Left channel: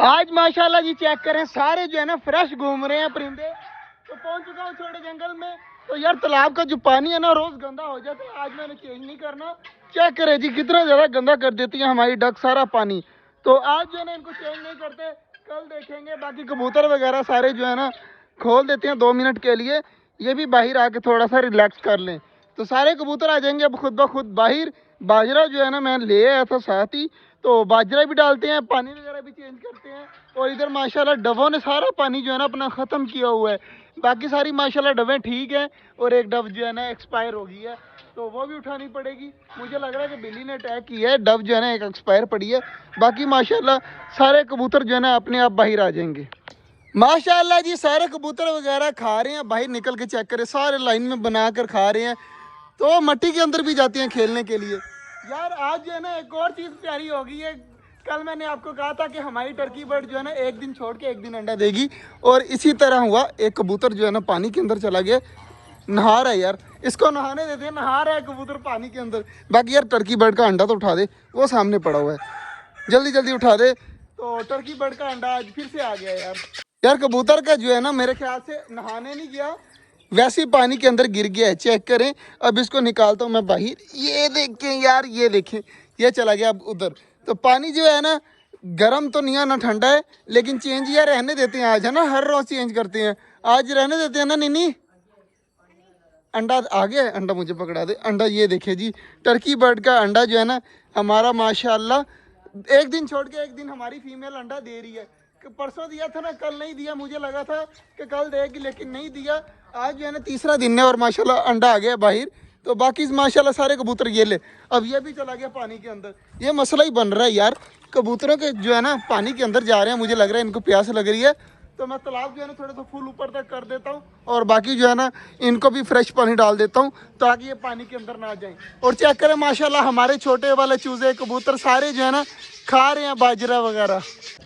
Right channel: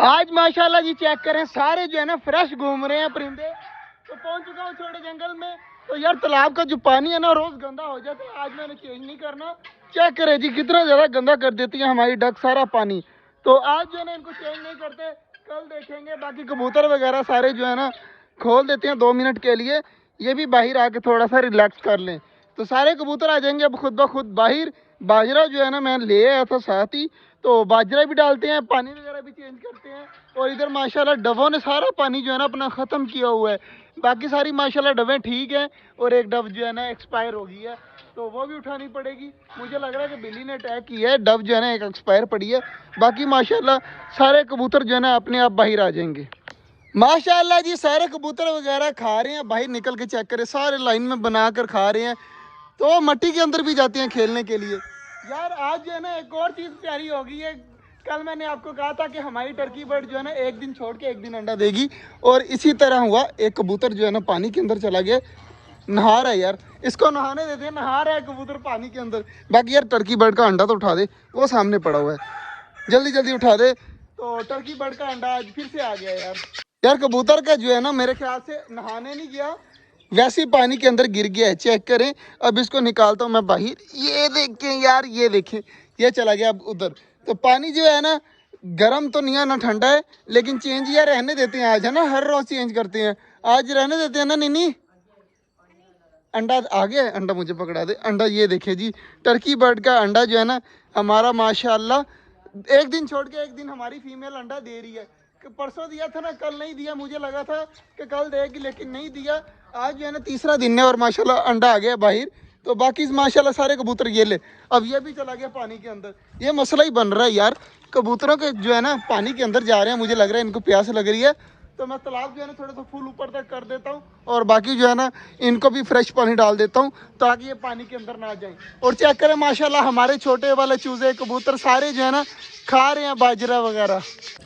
आज माशाल्लाह जी चेक करें, सारे जो है ना फ्रेश घूम रहे हैं परिंदे। तो पहुंच चुका हूँ छोटे जंगल में। तो यार तालाब का जो पानी है ना रोज गंदा हो जाता है, आज मैंने चेंज नहीं करना। चेक करें जी कितना ज्यादा गंदा कर देती है हमारी डक सारा पानी। तो आज जो है ना इनको चेंज नहीं करते, कल देखेंगे। बाकी कबूतर वगैरह सारे जो है ना खोल देते हैं 2 मिनट के लिए, ये भी बाहर आके थोड़ा सा रिलैक्स कर लें। तो सारे कबूतर आ जाएंगे अब खुद ब खुद बाहर। बाजरा जो है ना मैं ले आया था साथ ही, तो बाजरा भी डालते हैं, पानी वगैरह भी चेंज करते हैं। और इधर माशाल्लाह डवों ने सारा पानी जो है ना अपना ख़त्म किया हुआ है। बाकी सारी माशाल्लाह डवें ठीक हैं, और एक डव जो है ना एक्सपायर हो गई है, तो वो भी उठानी पड़ेगी। मुझे लग रहा है कि बिल्ली ने अटैक किया है, डव जो है ना एक एक्सपायर पड़ी है। बाकी माशाल्लाह सारे कबूतर जो है ना अपने आप बाहर आ जाएंगे। माशाल्लाह जी सारे कबूतर वगैरह खा रहे हैं, बाहर निकल के चेक करें, सारे लाइन में बना कर खा रहे हैं। तो मट्टी के अंदर भी जाते हैं खेलने के लिए। यार आज जो है ना एक और चीज़ प्यारी हो गई है। कल मैंने आपको कहा था कि हमारी टर्की बर्ड जो है ना एक दिन छोड़ के एक दिन अंडा देगी, और इसी तरह हुआ। एक कबूतर जो है ना पानी के अंदर चला गया, नहा रहा है यार, इसको नहाने देते हैं। नहा रहा है कबूतर पानी के अंदर। बाकी यार टर्की बर्ड का अंडा तो उठा दे, वो सामने पड़ा हुआ है, जल्दी जल्दी उठा दे। तो टर्की बर्ड का अंडा आज फिर से आ गया यार। यार कबूतर का जो है ना मेरे ख्याल से नहाने नहीं गया, वैसे ही पानी के अंदर गिर गया है। चेक करें, अब इसको निकालता हूँ मैं बाहर। ये देखें यार, ये देखें, ये चला गया अब उधर। तो पानी जो है ना गर्म तो नहीं है ना ठंडा है, लेकिन चेंज यार रहने देते हैं आज, है ना, हर रोज चेंज करते हैं, आज रहने देते हैं ना। निनी अंडा आ गया है, अंडा मुझे पकड़ा दे। अंडा ये देखे जी, टर्की बर्ड का अंडा जो है ना हमारा माशाल्लाह एक दिन छोड़ के एक दिन हमारी फीमेल अंडा दे रही है। परसों दिया था ना, कल नहीं दिया। मुझे लगा था कि कल देगी, लेकिन नहीं दिया। आज जो है ना तीसरा दिन है और माशाल्लाह अंडा आ गया बाहर। तो बाकी माशाल्लाह सारे कबूतर ये ले, अब ये भी चला गया पानी के अंदर। ये मसला ही बन रहा है यार, कबूतरों के जो है ना पानी के अंदर जा रहे हैं। मुझे लग रहा है इनको प्यास लग रही है, तो मैं तालाब जो है ना थोड़ा सा फुल ऊपर तक कर देता हूँ, और बाकी जो है ना इनको भी फ्रेश पानी डाल देता हूँ, ताकि ये पानी के अंदर ना जाएं। और चेक करें माशाल्लाह हमारे छोटे वाले चूजे कबूतर सारे जो है ना खा रहे हैं बाजरा वगैरह।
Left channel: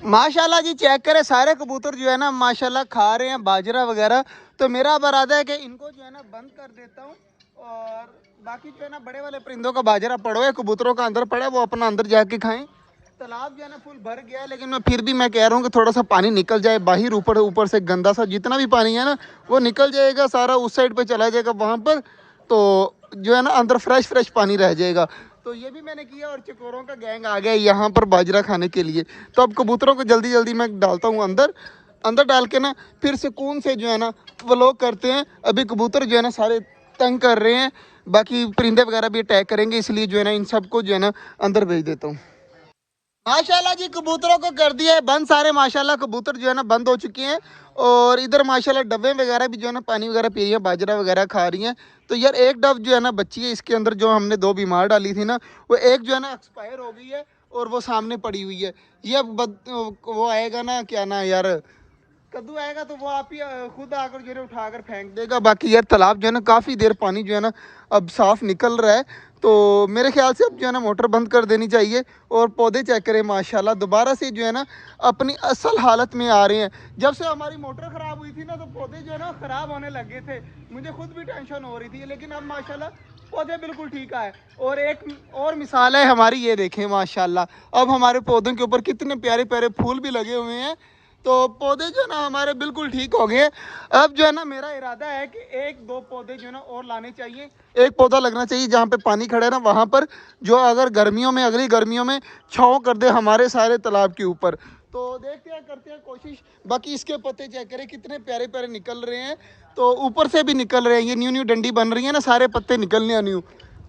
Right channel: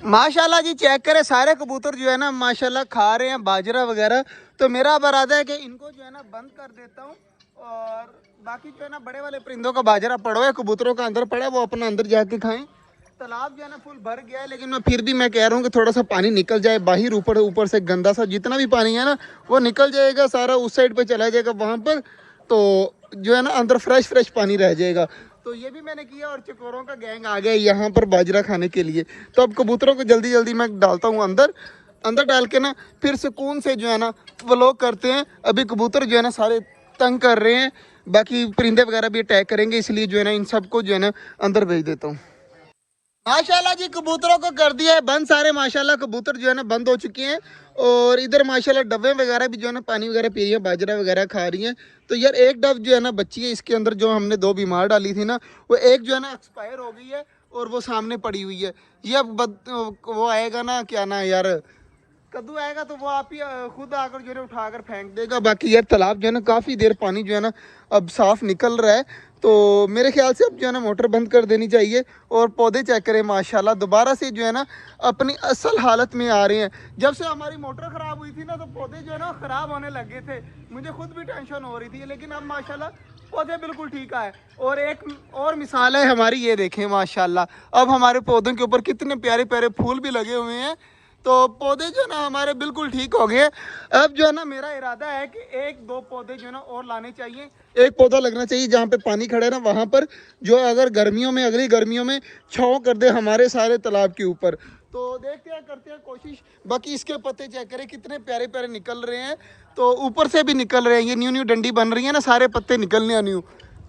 माशाल्लाह जी चेक करें, सारे कबूतर जो है ना माशाल्लाह खा रहे हैं बाजरा वगैरह। तो मेरा इरादा है कि इनको जो है ना बंद कर देता हूँ, और बाकी जो है ना बड़े वाले परिंदों का बाजरा पड़ा है, कबूतरों का अंदर पड़ा है, वो अपना अंदर जाके खाएं। तालाब जो है ना फुल भर गया है, लेकिन मैं फिर भी मैं कह रहा हूँ कि थोड़ा सा पानी निकल जाए बाहर। ऊपर ऊपर से गंदा सा जितना भी पानी है ना वो निकल जाएगा, सारा उस साइड पे चला जाएगा वहाँ पर। तो जो है ना अंदर फ्रेश फ्रेश पानी रह जाएगा। तो ये भी मैंने किया, और चकोरों का गैंग आ गया यहाँ पर बाजरा खाने के लिए। तो अब कबूतरों को जल्दी जल्दी मैं डालता हूँ अंदर। अंदर डाल के ना फिर सुकून से जो है ना व्लॉग करते हैं। अभी कबूतर जो है ना सारे तंग कर रहे हैं, बाकी परिंदे वगैरह भी अटैक करेंगे, इसलिए जो है ना इन सबको जो है ना अंदर भेज देता हूँ। माशाल्लाह जी कबूतरों को कर दिया है बंद सारे। माशाल्लाह कबूतर जो है ना बंद हो चुके हैं, और इधर माशाल्लाह डब्बे वगैरह भी जो है ना पानी वगैरह पी रही है, बाजरा वगैरह खा रही हैं। तो यार एक डब जो है ना बच्ची है, इसके अंदर जो हमने 2 बीमार डाली थी ना, वो एक जो है ना एक्सपायर हो गई है, और वो सामने पड़ी हुई है। ये अब वो आएगा ना, क्या ना यार, कद्दू आएगा, तो वो आप ही खुद आकर जो है उठाकर फेंक देगा। बाकी यार तालाब जो है ना काफ़ी देर पानी जो है ना अब साफ निकल रहा है। तो मेरे ख्याल से अब जो है ना मोटर बंद कर देनी चाहिए। और पौधे चेक करें माशाल्लाह दोबारा से जो है ना अपनी असल हालत में आ रहे हैं। जब से हमारी मोटर ख़राब हुई थी ना, तो पौधे जो है ना ख़राब होने लगे थे। मुझे खुद भी टेंशन हो रही थी, लेकिन अब माशाल्लाह पौधे बिल्कुल ठीक आए। और एक और मिसाल है हमारी, ये देखें माशाल्लाह अब हमारे पौधों के ऊपर कितने प्यारे प्यारे फूल भी लगे हुए हैं। तो पौधे जो ना हमारे बिल्कुल ठीक हो गए। अब जो है ना मेरा इरादा है कि 1-2 पौधे जो है ना और लाने चाहिए। एक पौधा लगना चाहिए जहाँ पे पानी खड़े ना वहाँ पर, जो अगर गर्मियों में, अगली गर्मियों में छाँव कर दे हमारे सारे तालाब के ऊपर। तो देखते हैं, करते हैं कोशिश। बाकी इसके पत्ते चेक करें कितने प्यारे प्यारे निकल रहे हैं, तो ऊपर से भी निकल रहे हैं। ये न्यू न्यू डंडी बन रही है ना, सारे पत्ते निकलने न्यू।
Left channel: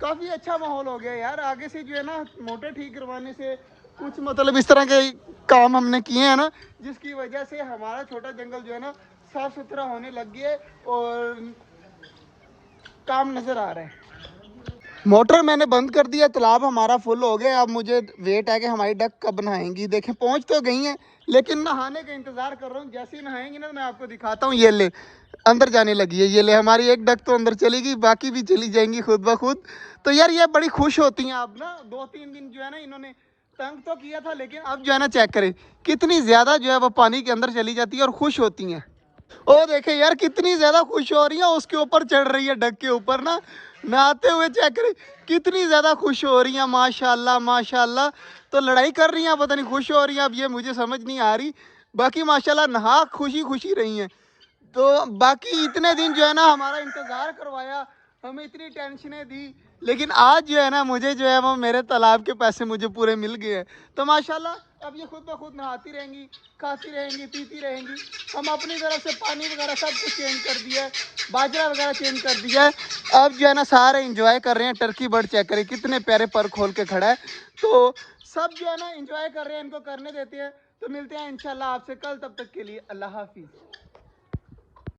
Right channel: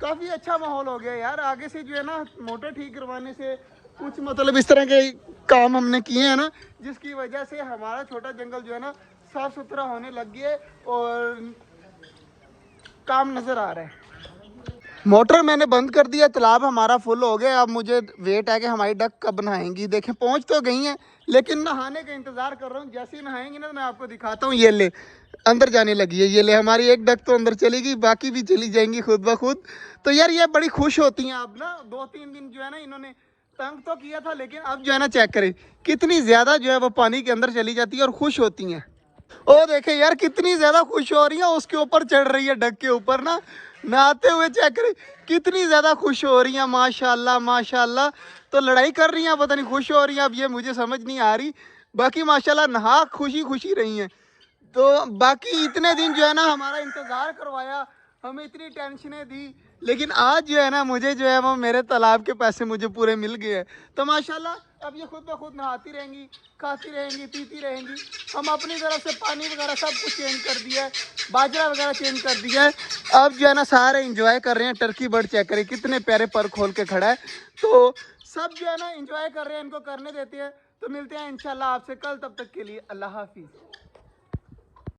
काफ़ी अच्छा माहौल हो गया यार। आगे से जो है ना मोटर ठीक करवाने से कुछ मतलब इस तरह के काम हमने किए हैं ना, जिसकी वजह से हमारा छोटा जंगल जो है ना साफ सुथरा होने लग गया है, और काम नज़र आ रहा है। मोटर मैंने बंद कर दिया, तालाब हमारा फुल हो गया। अब मुझे वेट है कि हमारी डक कब नहाएंगी। देखें पहुंच तो गई हैं, लेकिन नहाने का इंतज़ार कर रहा हूँ। जैसे ही नहाएंगी ना मैं आपको दिखाता हूँ। ये ले अंदर जाने लगी है, ये ले हमारी एक डक तो अंदर चली गई, बाकी भी चली जाएंगी खुद ब खुद। तो यार ये बड़ी खुश होती हैं अब ना। 2-3 दिन जो है ना इन्होंने तंग तो किया था, लेकिन अब जो है ना चेक करें कितनी ज़्यादा जो है वो पानी के अंदर चली जाती है और खुश होती हैं। ओ देखे यार कितनी ज़्यादा खुश हो रही है, उसके ऊपर चढ़ रही है डक के ऊपर ना। नहाते हुए चेक करें कितनी ज्यादा खुश हो रही हैं, माशाल्लाह माशाल्लाह। तो लड़ाई कर रही हैं, पता नहीं खुश हो रही हैं, अब ये मुझे समझ नहीं आ रही। बाकी माशाल्लाह नहा खुशी खुशी रही हैं। तो बाकी इतने दिन जो है ना हमारा इंतजार करवाया, हमें इतनी टेंशनें दी, लेकिन आज जो है ना मुझे जो है वो मेरे तालाब के पैसे मुझे पूरे मिल गए हैं। तो माशाल्लाह अब ये खुद ब खुद नहाती रहेंगी, खाती रहेंगी, पीती रहेंगी। हम अपनी तरफ से पानी वगैरह सब कुछ चेंज कर दिया है, बाजरा वगैरह चेंज कर दिया है। अब जो है ना सारे इंजॉय कर रहे हैं। टर्की बर्ड चेक करें कितने प्यारे पर खोल के खड़ा है। तो सब जो है ना इंजॉय कर रहे हैं, इनको करने देते हैं। तो मिलते हैं इंशाल्लाह आपसे कल, तब तक के लिए अल्लाह हाफिज़।